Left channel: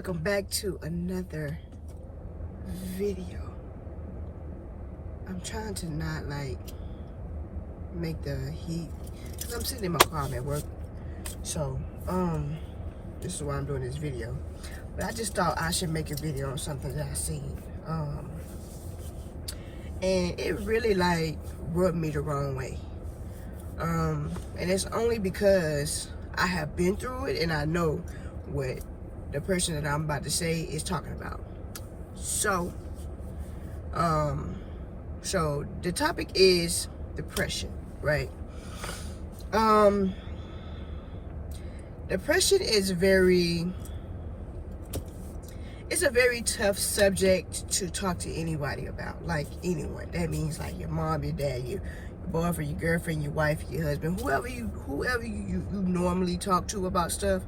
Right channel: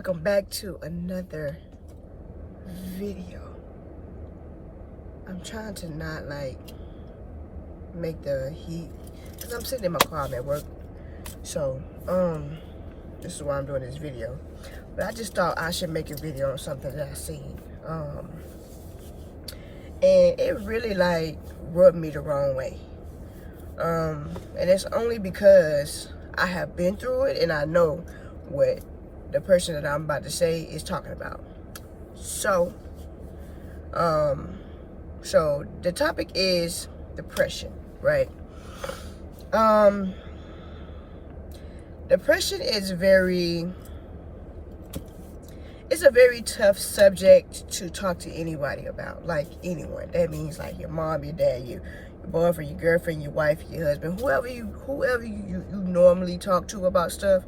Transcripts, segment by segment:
welcome back to another video. I'm trying to not like make the heat because I'm sitting in my car. I'm at work, so this is why I'm doing this video. But I just thought I should make a video on something that I seen, and it really like rubbed me the wrong way, and it's only because I have been through it and I know what the person that I'm about to say is talking about. So so the topic is depression, right? Depression is a very tough subject to talk to anybody about, like anyone. That means like your mom, your dad, your boyfriend, your girlfriend, your wife, your husband, whoever you normally talk to about stuff.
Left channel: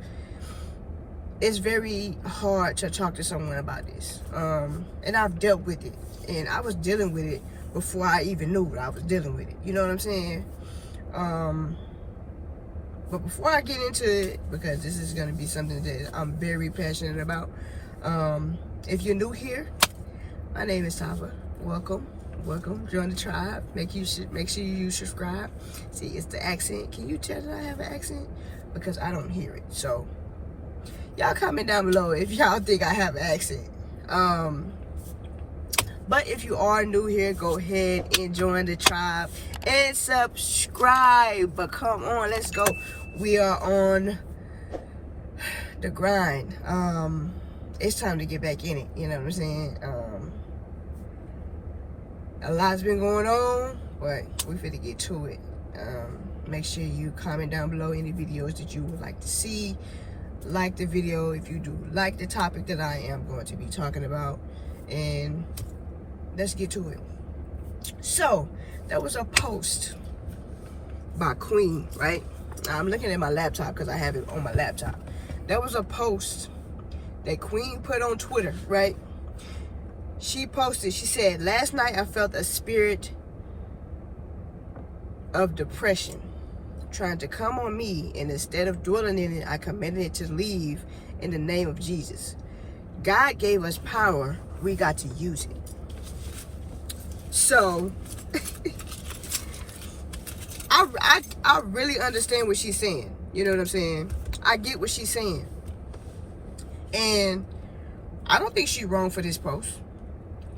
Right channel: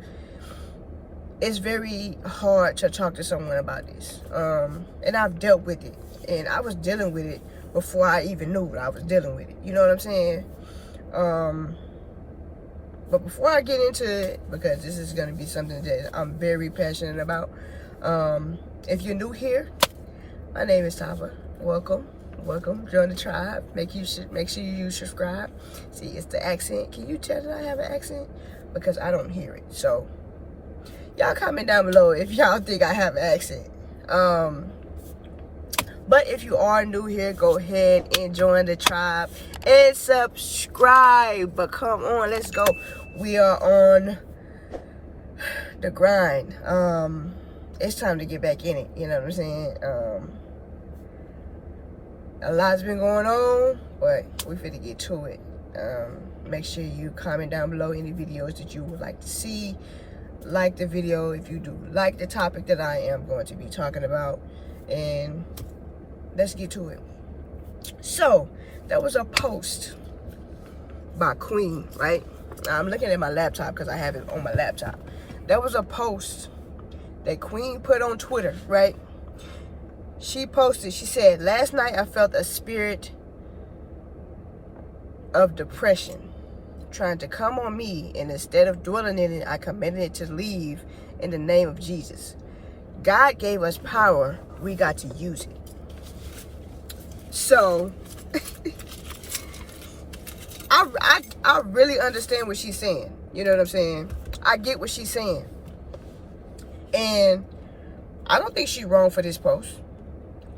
It's very hard to talk to someone about this. And I've dealt with it. And I was dealing with it before I even knew I was dealing with it. You know what I'm saying? But before I get into it, because this is going to be something that I'm very passionate about. If you're new here, my name is Tava. Welcome. Join the tribe. Make sure you subscribe. See, it's the accent. Can you tell that I have an accent? Because I don't hear it. So y'all comment down below if y'all think I have an accent. But if you are new here, go ahead and join the tribe and subscribe. But come on, let's go. We are on the grind. It's time to get back in it. You know what I'm saying? A lot's been going on, but we finna get to it. Make sure you comment down below any videos that you would like to see. Like the video if you do like the topic that I am going to be talking about, and let's get to it. So there was a post by Queen, right? Now, I'm looking at my laptop because I have it on my laptop. There was a post that Queen put on Twitter, right? She posted, she said, "Last night I felt a spirit of depression trying to come on me, and instead of dwelling in it, I commanded it to leave in the name of Jesus. God gave us power, we got to use it." So I really understand what she's saying. You know what I'm saying? I get what she's saying. And I don't think she's wrong for this post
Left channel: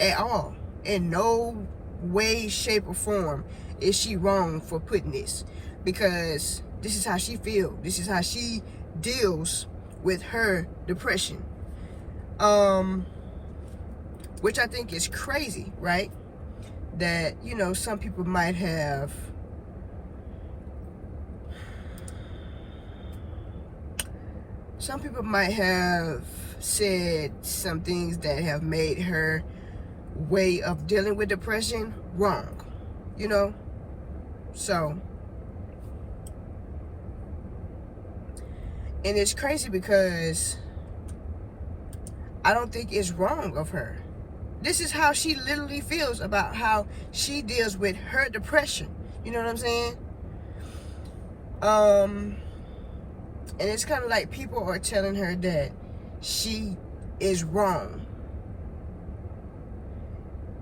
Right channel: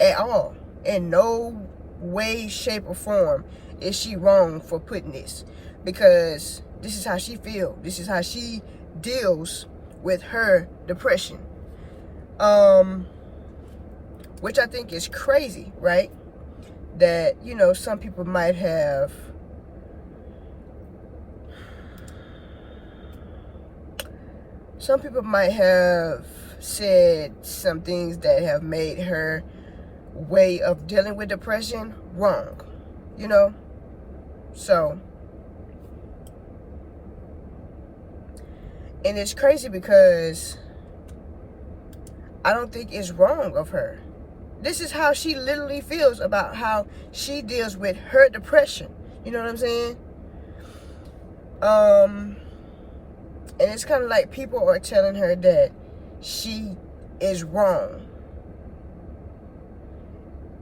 at all. In no way, shape, or form is she wrong for putting this. Because this is how she feels. This is how she deals with her depression. Which I think is crazy, right? That, you know, some people might have said some things that have made her way of dealing with depression wrong. You know? So, and it's crazy because I don't think it's wrong of her. This is how she literally feels about how she deals with her depression. You know what I'm saying? And it's kind of like people are telling her that she is wrong.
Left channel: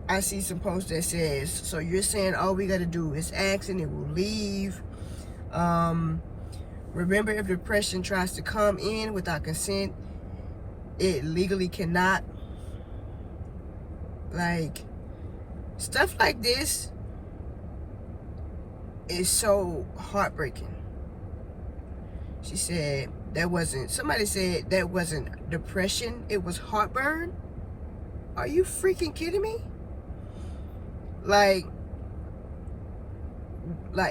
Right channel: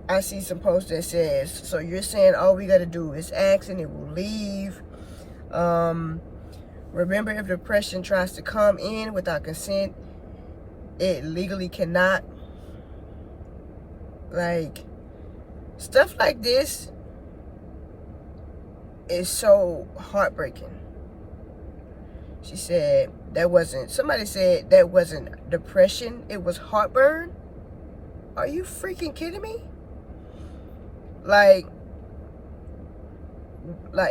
I see some post that says, "So you're saying all we got to do is ask and it will leave. Remember, if depression tries to come in without consent, it legally cannot." Like, stuff like this is so heartbreaking. She said somebody said that wasn't depression, it was heartburn. Are you freaking kidding me? Like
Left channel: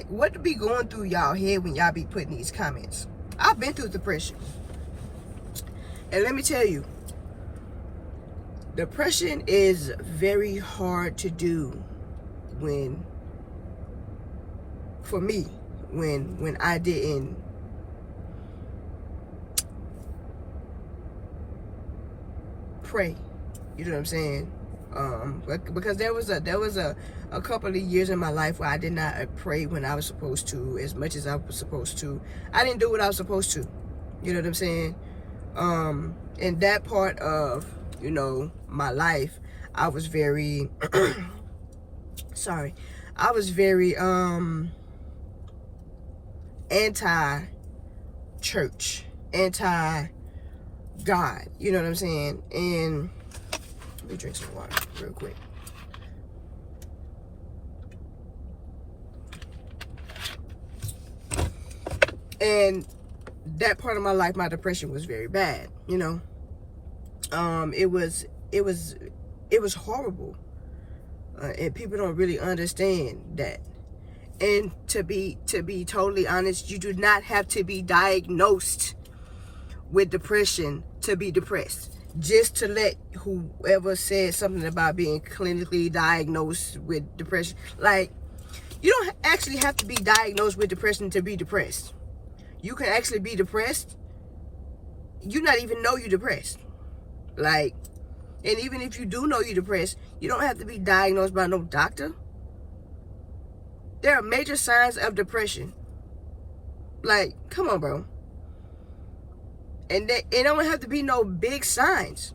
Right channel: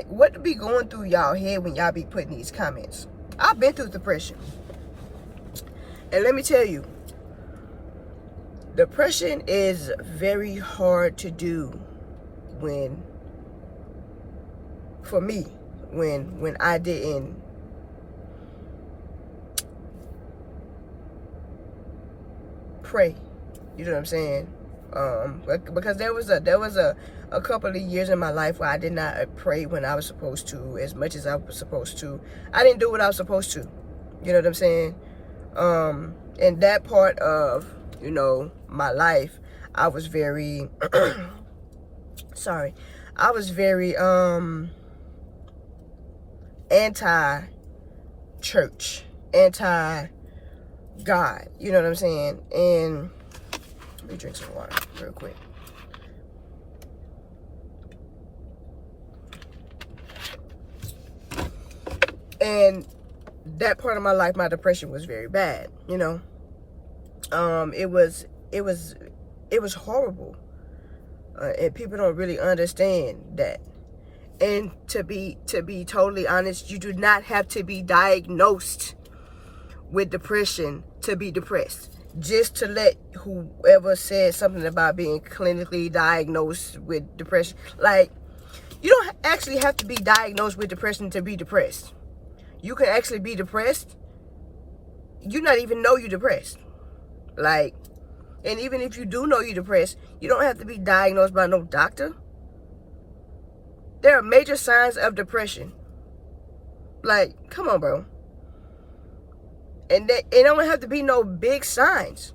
what be going through y'all head when y'all be putting these comments? I've been through depression. And let me tell you, depression is very hard to do for me, when I didn't pray. You know what I'm saying? Because there was a couple of years in my life where I did not pray when I was supposed to, as much as I was supposed to. I didn't do what I was supposed to. You know what I'm saying? And in that part of, you know, my life, I was very sorry, I was very anti-church, anti-God, you know what I'm saying? And let me drink some water real quick. And that part of my life, my depression was very bad, you know. It was horrible. And people don't really understand that. And to be totally honest, you do not have to be diagnosed with depression to be depressed. Just to let whoever said something about being clinically diagnosed with depression, like, you don't actually have to be diagnosed with depression to be depressed. You can actually be depressed, you not even know you're depressed. Like, and even if you do know you're depressed, you don't have to be diagnosed by no doctor. There are major signs of depression. Like, come on, bro. And it don't have to be no big signs.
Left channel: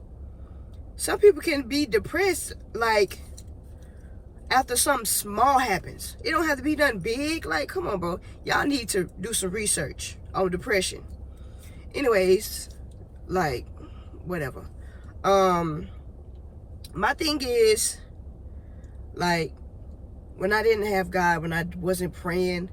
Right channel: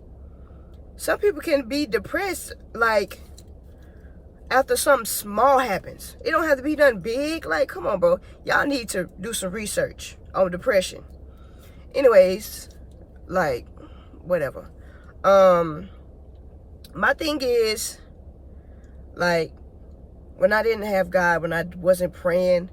Some people can be depressed, like, after something small happens. It don't have to be nothing big. Like, come on, bro. Y'all need to do some research on depression. Anyways, like, whatever. My thing is, like, when I didn't have God, when I wasn't praying,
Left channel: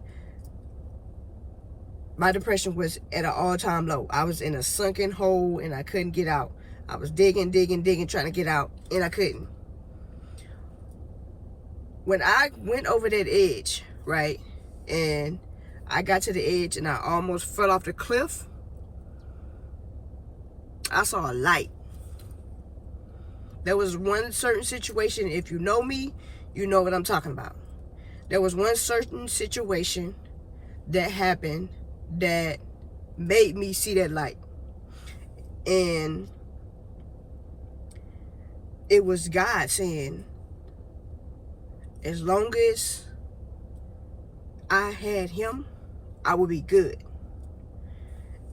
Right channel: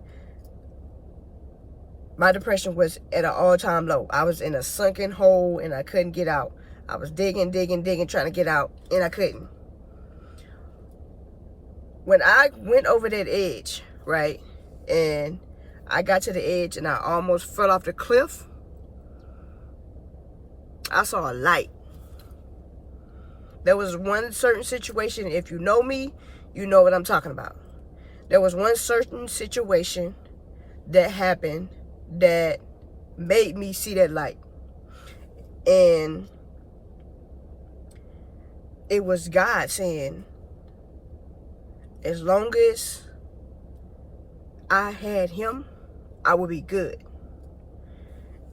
my depression was at an all-time low. I was in a sunken hole and I couldn't get out. I was digging, trying to get out, and I couldn't. When I went over that edge, right, and I got to the edge and I almost fell off the cliff, I saw a light. There was one certain situation, if you know me, you know what I'm talking about. There was one certain situation that happened that made me see that light. And it was God saying, as long as I had him, I would be good.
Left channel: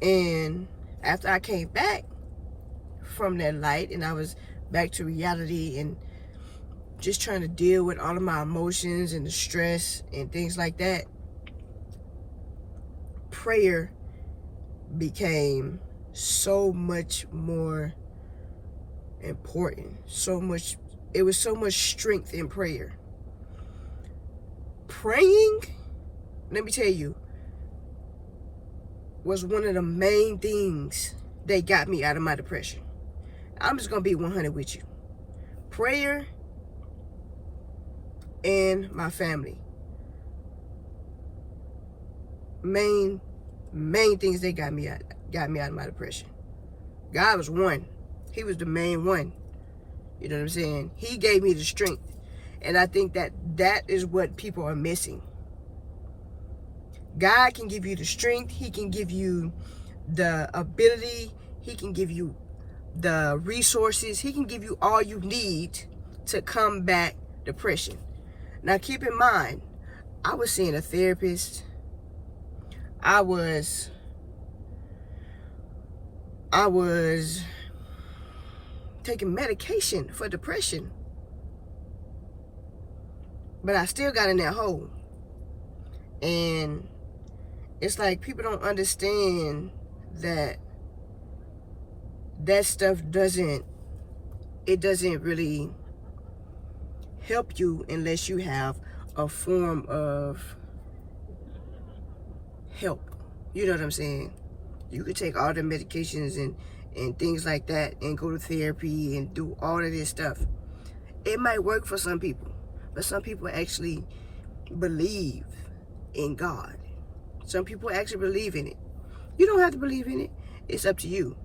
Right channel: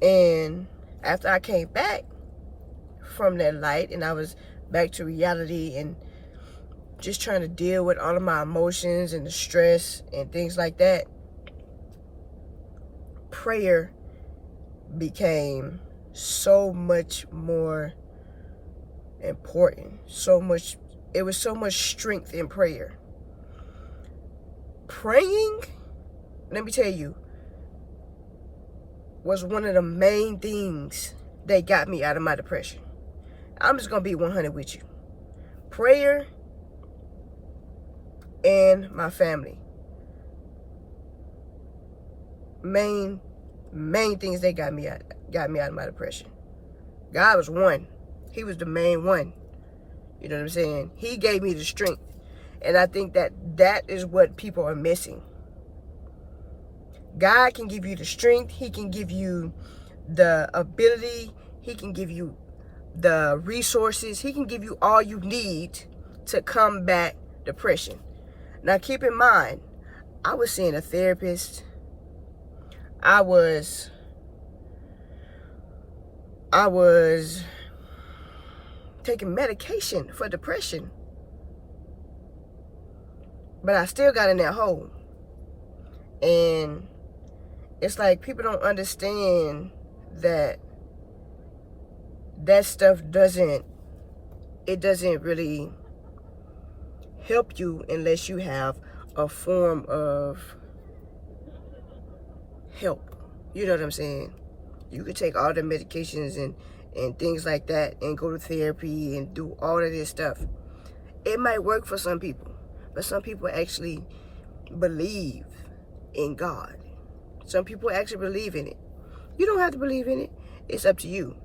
And after I came back from that light and I was back to reality and just trying to deal with all of my emotions and the stress and things like that, prayer became so much more important. It was so much strength in prayer. Praying, let me tell you, was one of the main things that got me out of my depression. I'm just going to be 100 with you. Prayer and my family. Main things that got me out of my depression. God was one. He was the main one. You know what I'm saying? He gave me the strength. And I think that is what people are missing. God can give you the strength. He can give you the ability. He can give you the resources. He can give you all you need to combat depression. Now, keep in mind, I was seeing a therapist. I was taking medication for depression. But I still got in that hole. And it's like people don't understand that stuff doesn't really help you unless you have a form of help. You know what I'm saying? You could take all the medications and things like that and go to therapy and do all of this stuff. It might work for some people, but some people actually believe in God. Some people actually believe in it. You don't have to believe in it. It's up to you.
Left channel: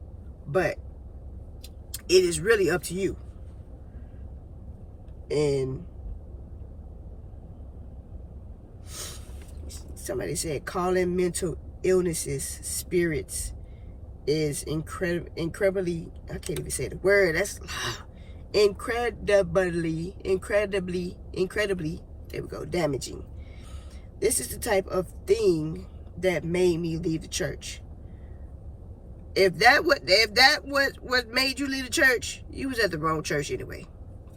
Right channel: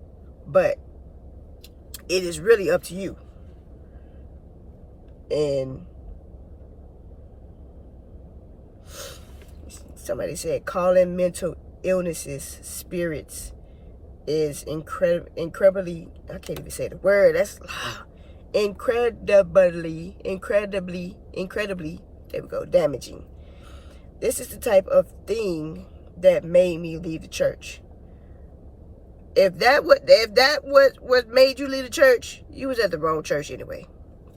But it is really up to you. And somebody said calling mental illnesses spirits is incredibly, I can't even say the word, that's incredibly, there we go, damaging. This is the type of thing that made me leave the church. If that what made you leave the church, you was at the wrong church anyway,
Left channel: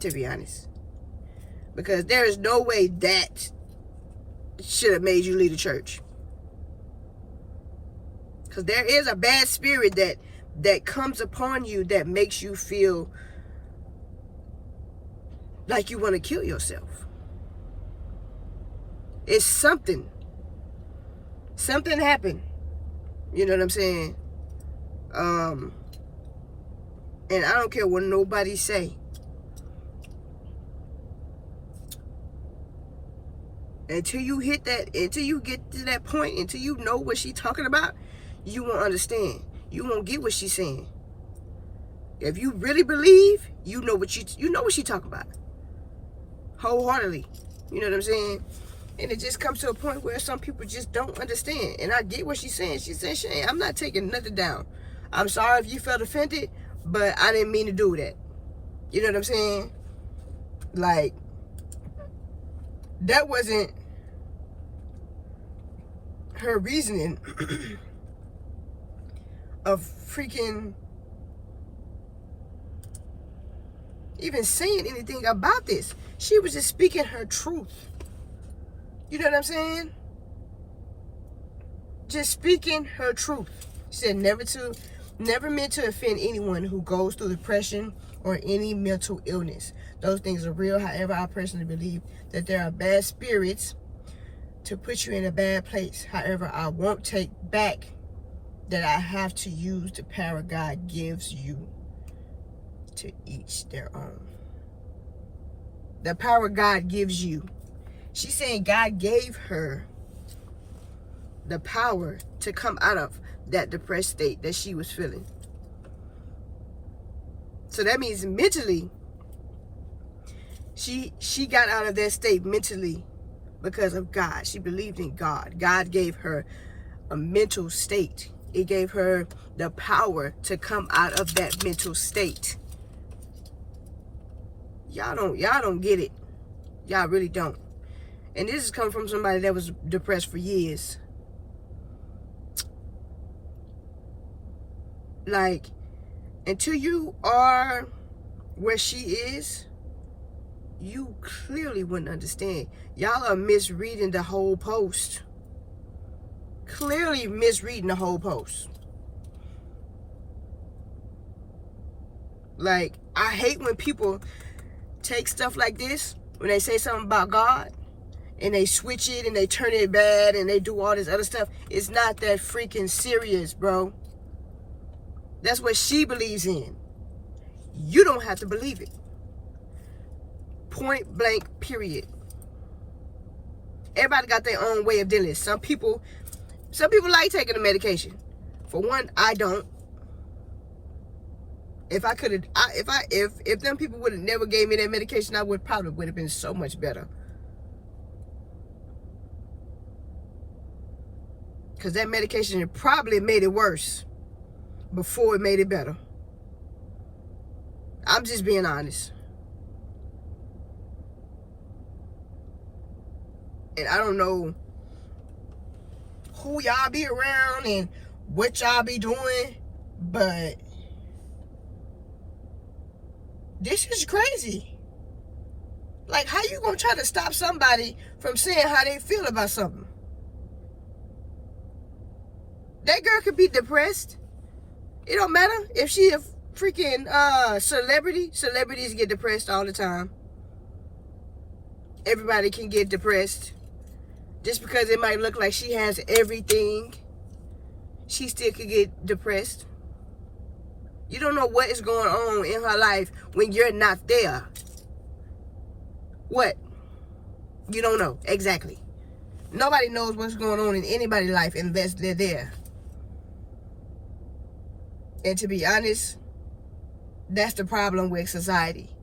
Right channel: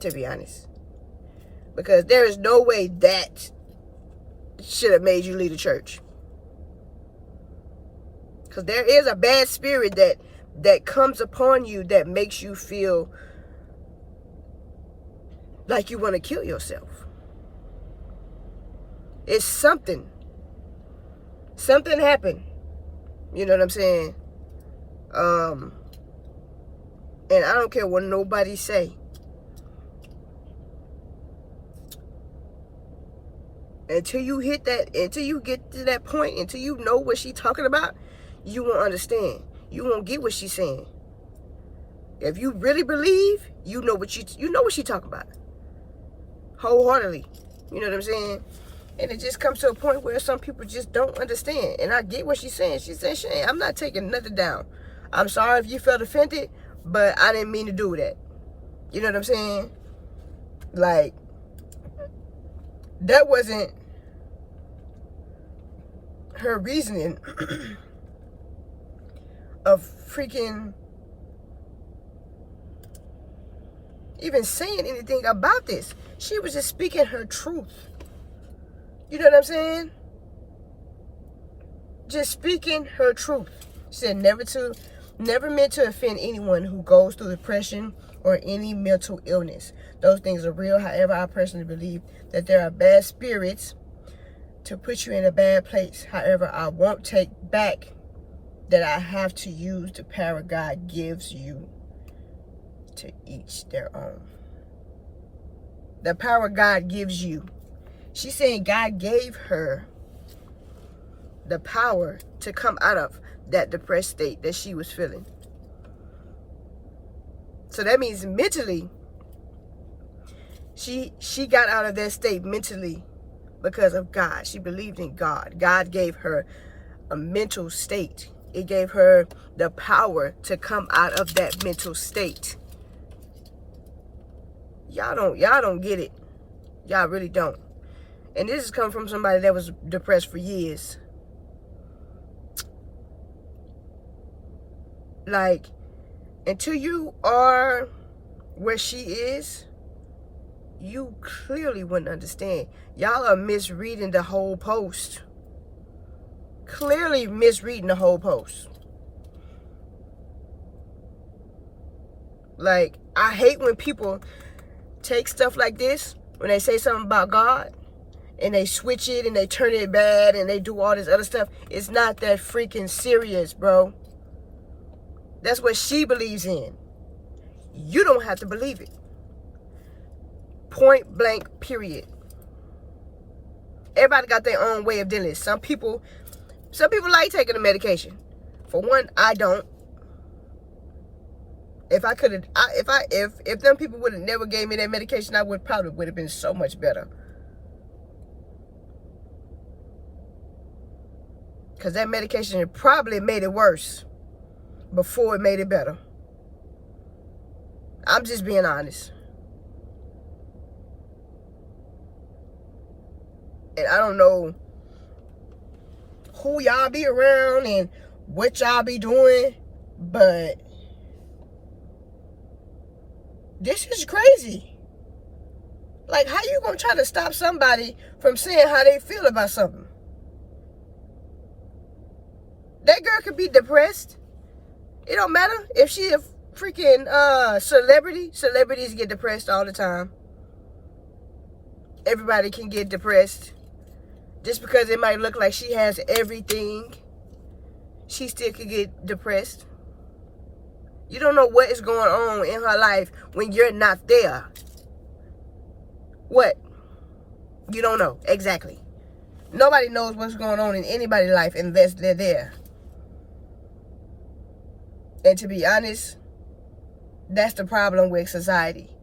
to be honest. Because there is no way that should have made you leave the church. Because there is a bad spirit that comes upon you that makes you feel like you want to kill yourself. It's something. Something happened. You know what I'm saying? And I don't care what nobody say. Until you hit that, until you get to that point, until you know what she's talking about, you won't understand. You won't get what she's saying. If you really believe, you know what she's talking about. Wholeheartedly. You know what I'm saying? And it just comes to a point where some people just don't understand. And I get what she's saying. She said, Shane, I'm not taking nothing down. I'm sorry if you felt offended, but I didn't mean to do that. You know what I'm saying? Like, that wasn't her reasoning of freaking even saying anything about this. She was just speaking her truth. You know what I'm saying? Just speaking her truth. She said never meant to offend anyone who goes through depression or any mental illness. Those things are real. However, I personally believe that there are bad spirits to put you in a bad place. However, I won't take back that I have to use the power God gives you. To each their own. The power God gives you. She's saying God gave her the power to come out of that depressed state that she was feeling. So that means mentally, she got out of that state mentally because of God. She believed in God. God gave her a mental state. It gave her the power to come out of that mental state. Y'all don't get it. Y'all really don't. And this is coming from somebody that was depressed for years. Like, until you are where she is, you clearly wouldn't understand. Y'all are misreading the whole post. Clearly misreading the whole post. Like, I hate when people take stuff like this, when they say something about God, and they switch it and they turn it bad and they do all this other stuff. It's not that freaking serious, bro. That's what she believes in. You don't have to believe it. Point blank, period. Everybody got their own way of dealing. Some people like taking the medication. For one, I don't. If I could have, if them people would have never gave me that medication, I would have been so much better. Because that medication probably made it worse before it made it better. I'm just being honest. And I don't know who y'all be around and what y'all be doing, but this is crazy. Like, how you gonna try to stop somebody from saying how they feel about something? That girl could be depressed. It don't matter if she a freaking celebrity. Celebrities get depressed all the time. Everybody can get depressed. Just because it might look like she has everything, she still could get depressed. You don't know what is going on in her life when you're not there. What? You don't know. Exactly. Nobody knows what's going on in anybody's life unless they're there. And to be honest, that's the problem with society.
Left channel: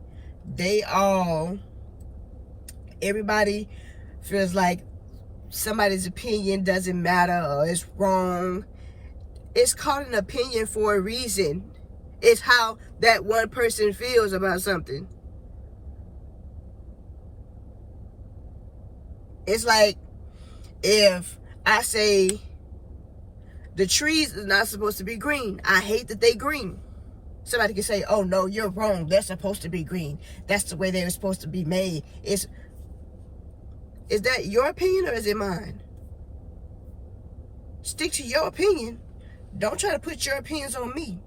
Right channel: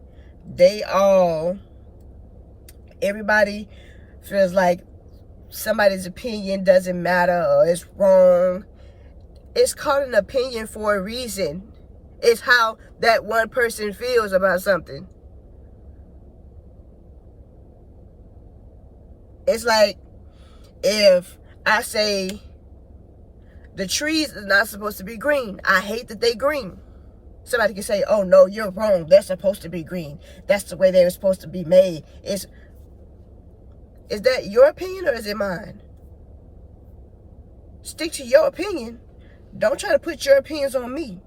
Everybody feels like somebody's opinion doesn't matter or it's wrong. It's called an opinion for a reason. It's how that one person feels about something. It's like if I say The trees are not supposed to be green. I hate that they green. Somebody can say, oh no, you're wrong. They're supposed to be green. That's the way they were supposed to be made. Is that your opinion or is it mine? Stick to your opinion. Don't try to put your opinions on me.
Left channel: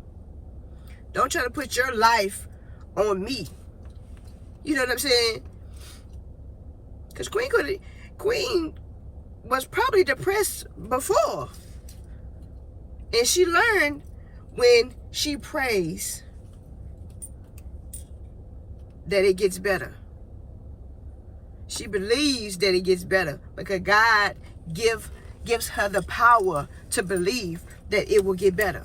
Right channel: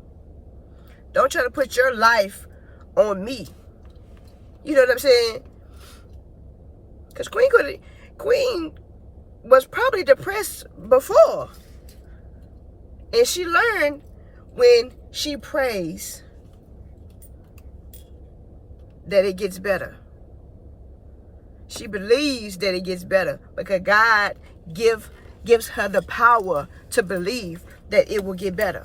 Don't try to put your life on me. You know what I'm saying? Because Queen was probably depressed before. And she learned when she prays that it gets better. She believes that it gets better because God gives her the power to believe that it will get better.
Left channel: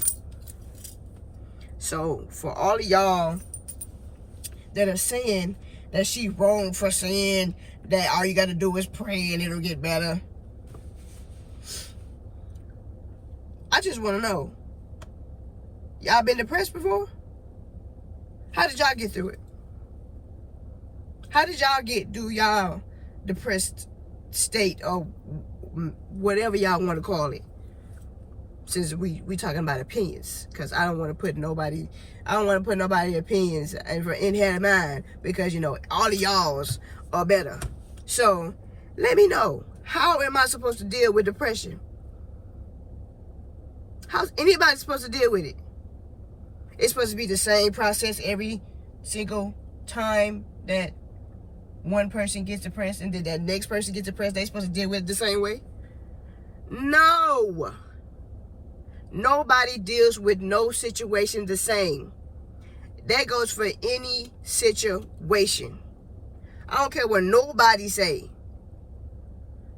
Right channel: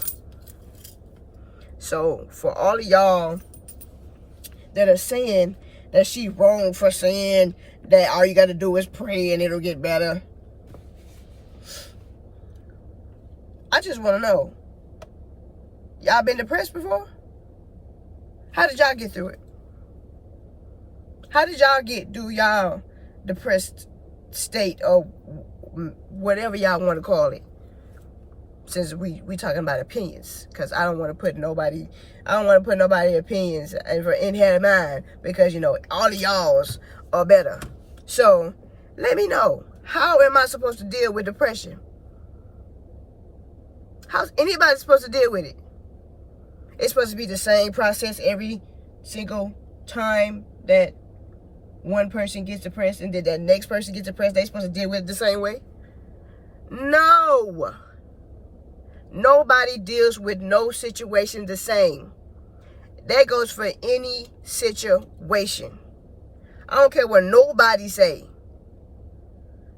So for all of y'all that are saying that she wrong for saying that all you got to do is pray and it'll get better, I just want to know, y'all been depressed before? How did y'all get through it? How did y'all get through y'all depressed state or whatever y'all want to call it? Since we talking about opinions, because I don't want to put nobody opinions in head of mine, because you know all of y'all's are better. So let me know, how am I supposed to deal with depression? How's anybody supposed to deal with it? It's supposed to be the same process every single time that one person gets depressed and then that next person gets depressed, they supposed to deal with it the same way? No. Nobody deals with no situation the same. That goes for any situation. I don't care what nobody say.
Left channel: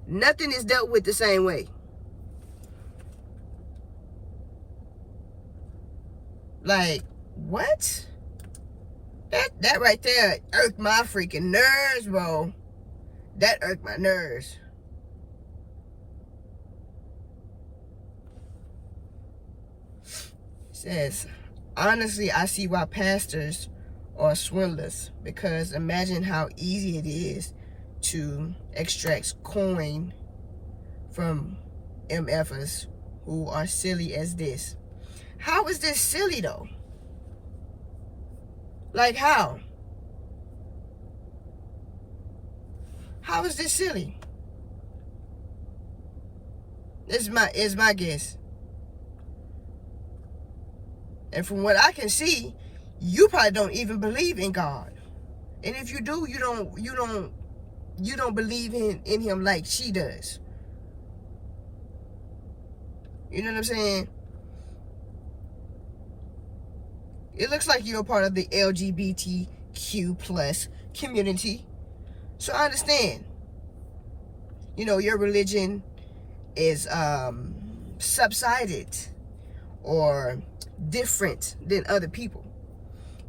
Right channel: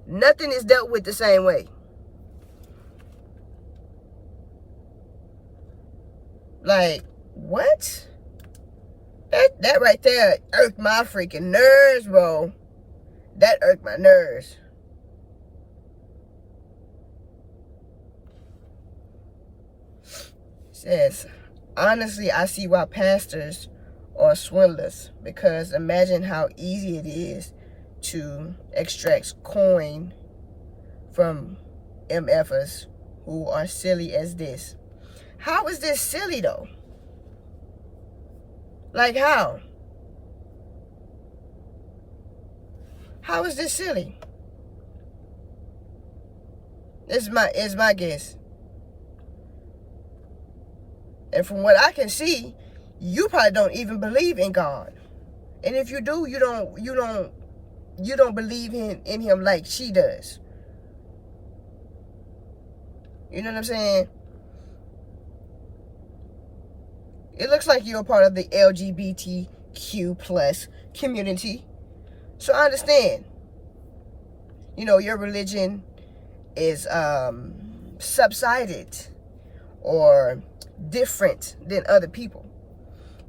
Nothing is dealt with the same way. Like, what? That right there irked my freaking nerves, bro. That irked my nerves. Says, honestly, I see why pastors are swindlers, because imagine how easy it is to extract coin from MFers who are silly as this. How is this silly though? Like how? How is this silly? It's my guess. And from what I can see, you probably don't even believe in God. And if you do, you don't believe in him like she does. You know what I'm saying? It looks like you're a part of the LGBTQ plus community. So I understand. You know, your religion is subsided or different than other people.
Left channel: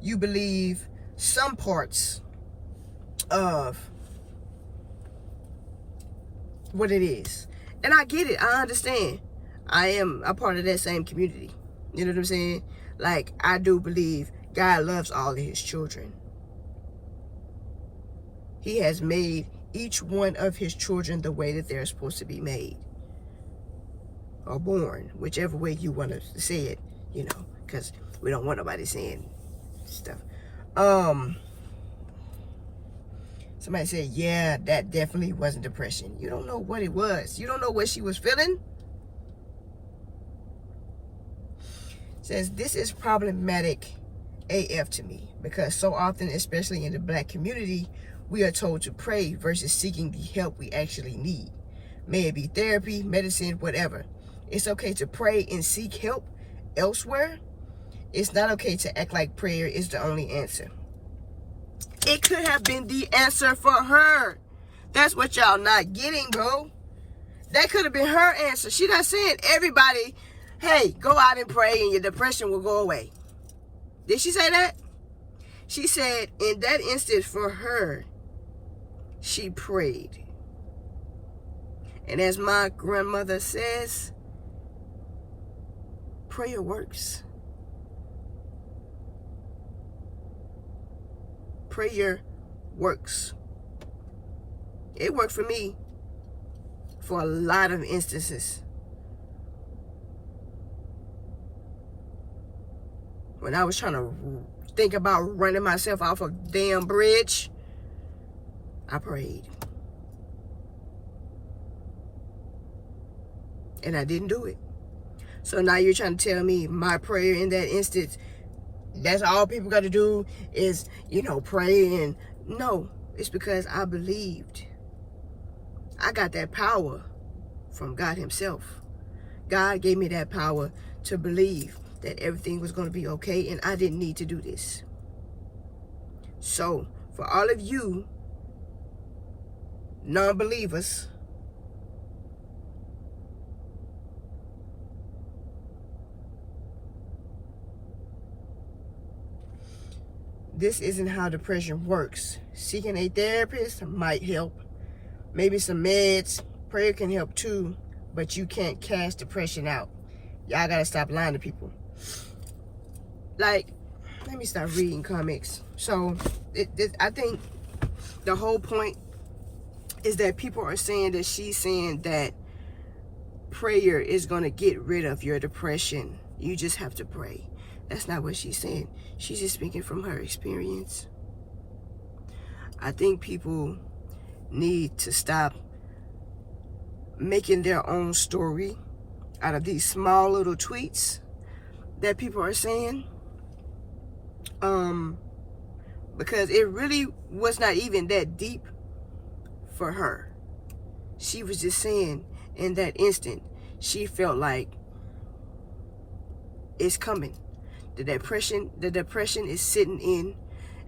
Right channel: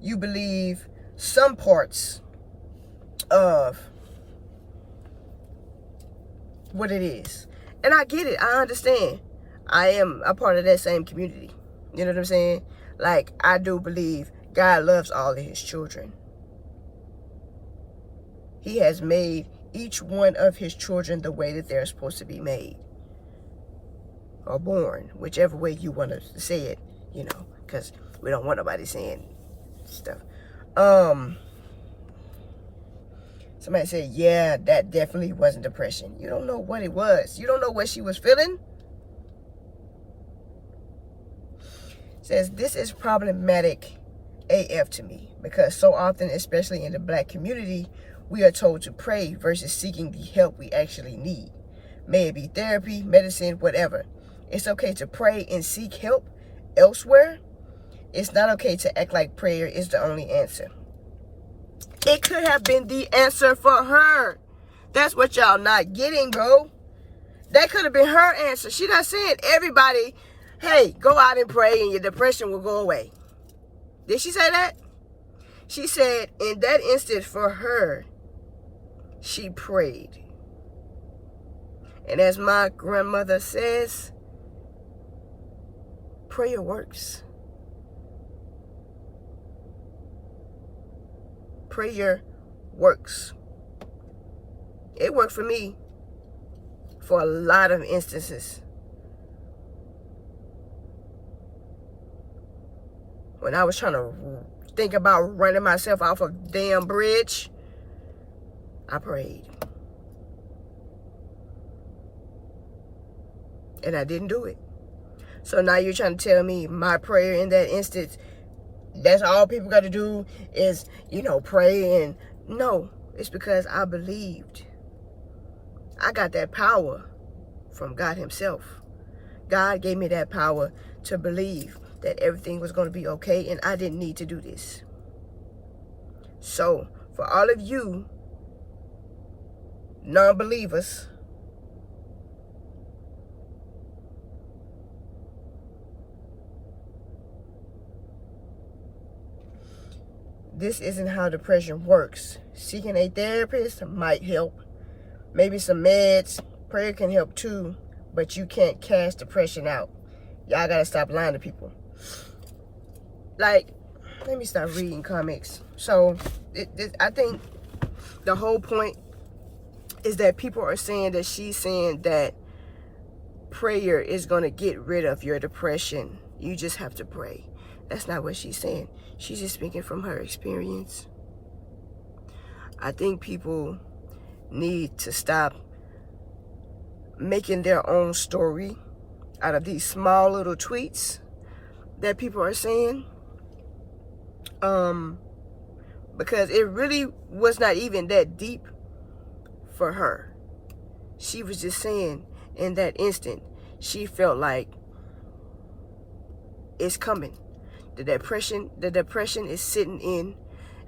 You believe some parts of what it is. And I get it. I understand. I am a part of that same community. You know what I'm saying? Like, I do believe God loves all of his children. He has made each one of his children the way that they're supposed to be made. Or born. Whichever way you want to say it, you know. Because we don't want nobody saying stuff. Somebody said, yeah, that definitely wasn't depression. You don't know what it was. You don't know what she was feeling. Says, this is problematic AF to me, because so often, especially in the black community, we are told to pray versus seeking the help we actually need. May it be therapy, medicine, whatever. It's okay to pray and seek help elsewhere. It's not okay to act like prayer is the only answer. It could have been the answer for her. That's what y'all not getting, bro. That could have been her answer. She not saying everybody, hey, go out and pray and your depression will go away. Did she say that? She said in that instance for her, she prayed. And as my grandmother says, prayer works. Prayer works. It worked for me for a lot of instances. when I was trying to think about running myself off a damn bridge, I prayed. And I didn't do it. So now you're trying to tell me my prayer in that instance, that's all people got to do is, pray. And no, it's because I believed. I got that power from God himself. God gave me that power to believe that everything was going to be okay, and I didn't need to do this. So for all of you non-believers, this isn't how depression works. Seeking a therapist might help. Maybe some meds. Prayer can help too, but you can't cast depression out. Y'all gotta stop lying to people. Like, let me stop reading comics. So, I think the whole point is that people are saying that she's saying that prayer is gonna get rid of your depression. You just have to pray. That's not what she's saying. She's just speaking from her experience. I think people need to stop making their own story out of these small little tweets that people are saying. Because it really was not even that deep for her. She was just saying in that instant, she felt like it's coming. The depression is sitting in,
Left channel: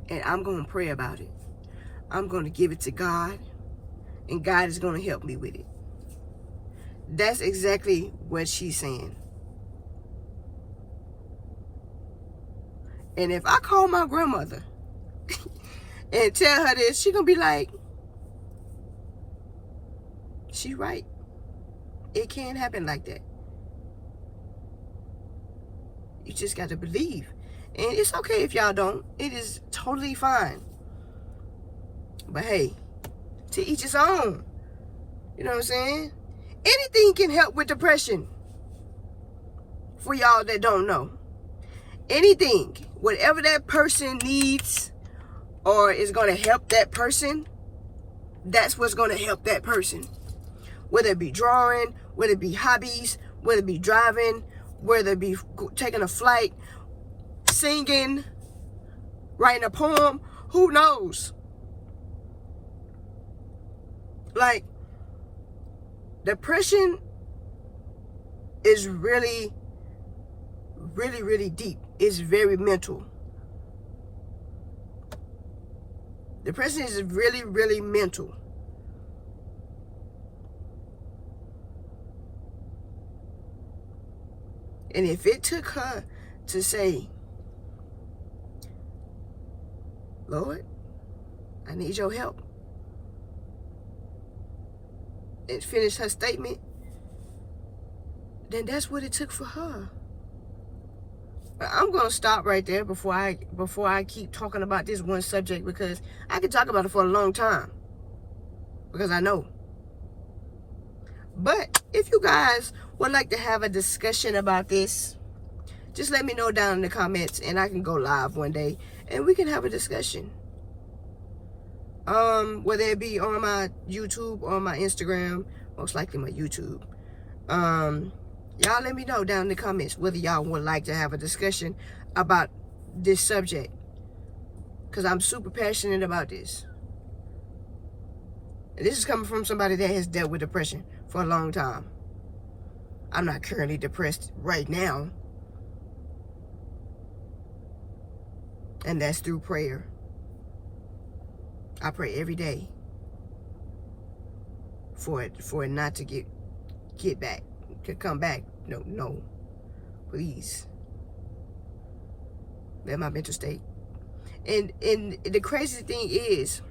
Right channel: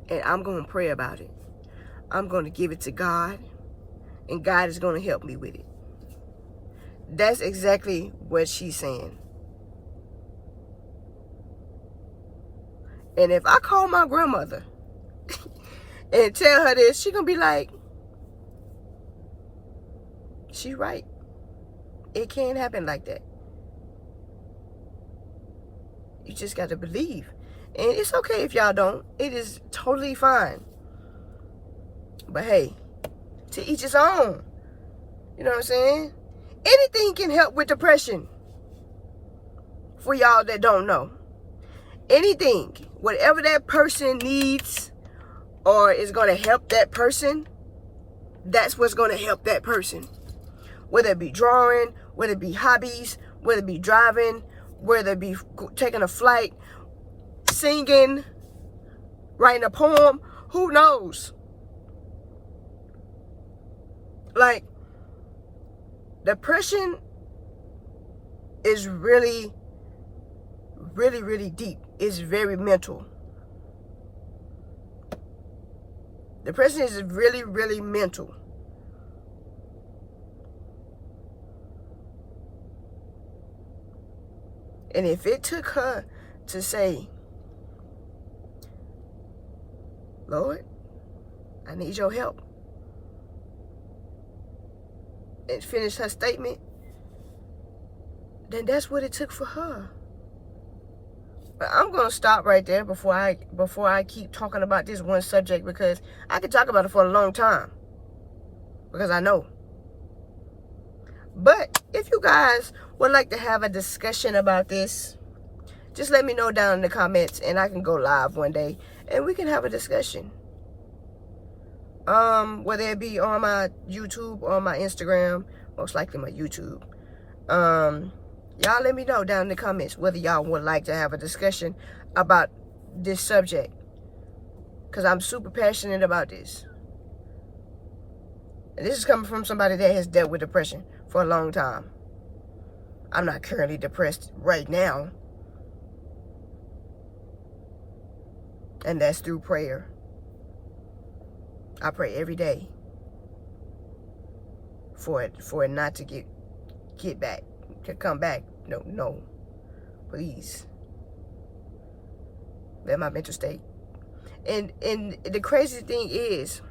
and I'm going to pray about it. I'm going to give it to God, and God is going to help me with it. That's exactly what she's saying. And if I call my grandmother and tell her this, she's going to be like, she's right. It can't happen like that. You just got to believe. And it's okay if y'all don't. It is totally fine. But hey, to each his own. You know what I'm saying? Anything can help with depression. For y'all that don't know. Anything. Whatever that person needs or is going to help that person, that's what's going to help that person. Whether it be drawing, whether it be hobbies, whether it be driving, whether it be taking a flight, singing, writing a poem, who knows? Like, depression is really, really, really deep. It's very mental. Depression is really, really mental. And if it took her to say, Lord, I need your help, and finish her statement, then that's what it took for her. But I'm gonna stop right there before I keep talking about this one subject, because I could talk about it for a long time, because I know. But if you guys would like to have a discussion about this, just let me know down in the comments, and I can go live one day and we can have a discussion. Whether it be on my YouTube or my Instagram, most likely my YouTube. Y'all let me know down in the comments whether y'all would like to have a discussion about this subject, because I'm super passionate about this. And this is coming from somebody that has dealt with depression for a long time. I'm not currently depressed right now. And that's through prayer. I pray every day for it not to get back, to come back. No. Please. Let my mental state. And the crazy thing is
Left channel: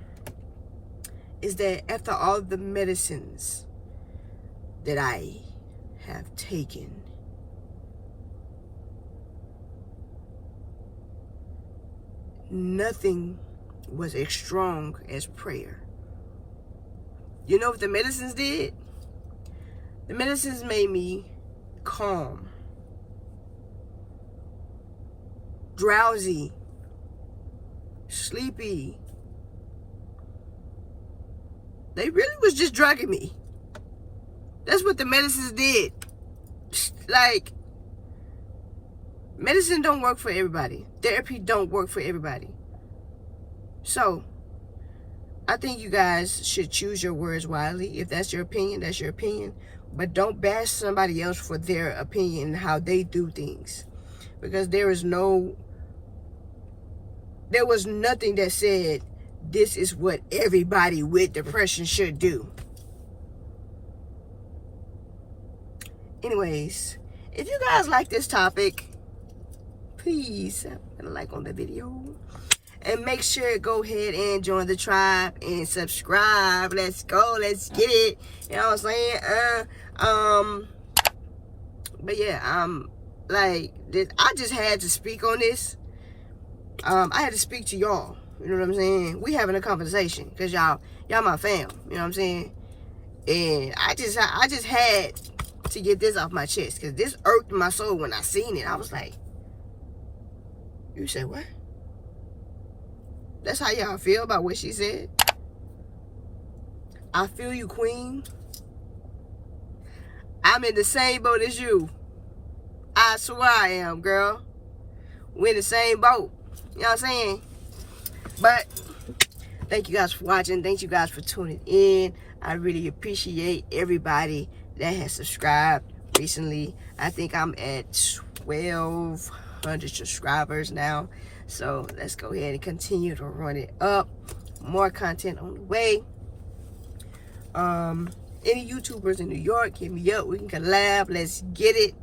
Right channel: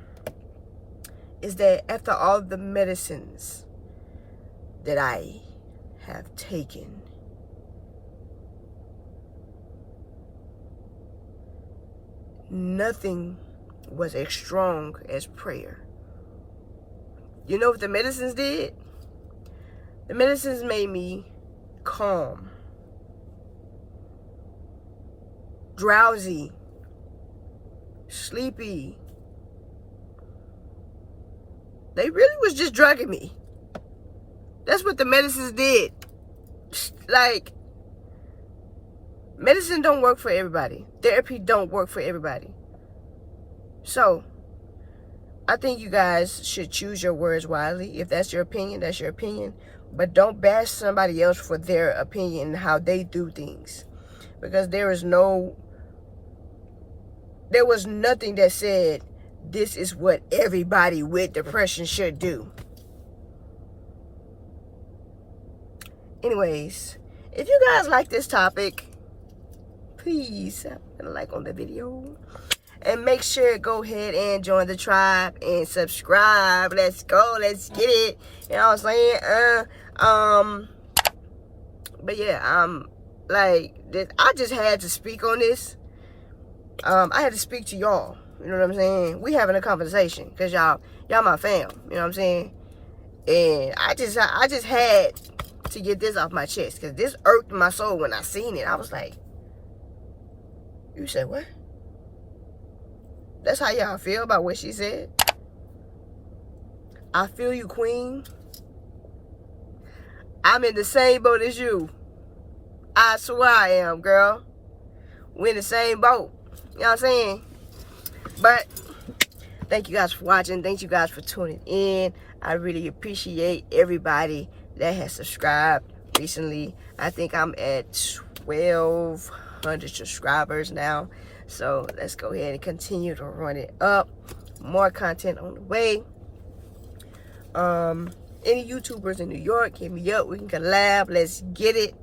that after all the medicines that I have taken, nothing was as strong as prayer. You know what the medicines did? The medicines made me calm. drowsy, sleepy. They really was just drugging me. That's what the medicines did. Like, medicine don't work for everybody. Therapy don't work for everybody. So, I think you guys should choose your words wisely. If that's your opinion, that's your opinion. But don't bash somebody else for their opinion and how they do things. Because there was nothing that said this is what everybody with depression should do. Anyways, if you guys like this topic, please put a like on the video. And make sure to go ahead and join the tribe and subscribe. Let's go. Let's get it. You know what I'm saying? But yeah, like this, I just had to speak on this. I had to speak to y'all. You know what I'm saying? We having a conversation because y'all my fam. You know what I'm saying? And I just had to get this off my chest because this irked my soul when I seen it. I was like, you said what? That's how y'all feel about what she said? I feel you, queen. I'm in the same boat as you. I swear I am, girl. We're in the same boat. You know what I'm saying? But thank you guys for watching. Thank you guys for tuning in. I really appreciate everybody that has subscribed recently. I think I'm at 1,200 subscribers now. So let's go ahead and continue to run it up. More content on the way. Any YouTubers in New York, hit me up. We can collab. Let's get it.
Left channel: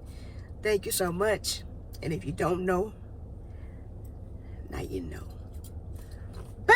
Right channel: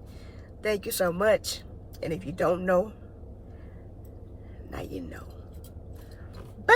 Thank you so much. And if you don't know, now you know. Bye.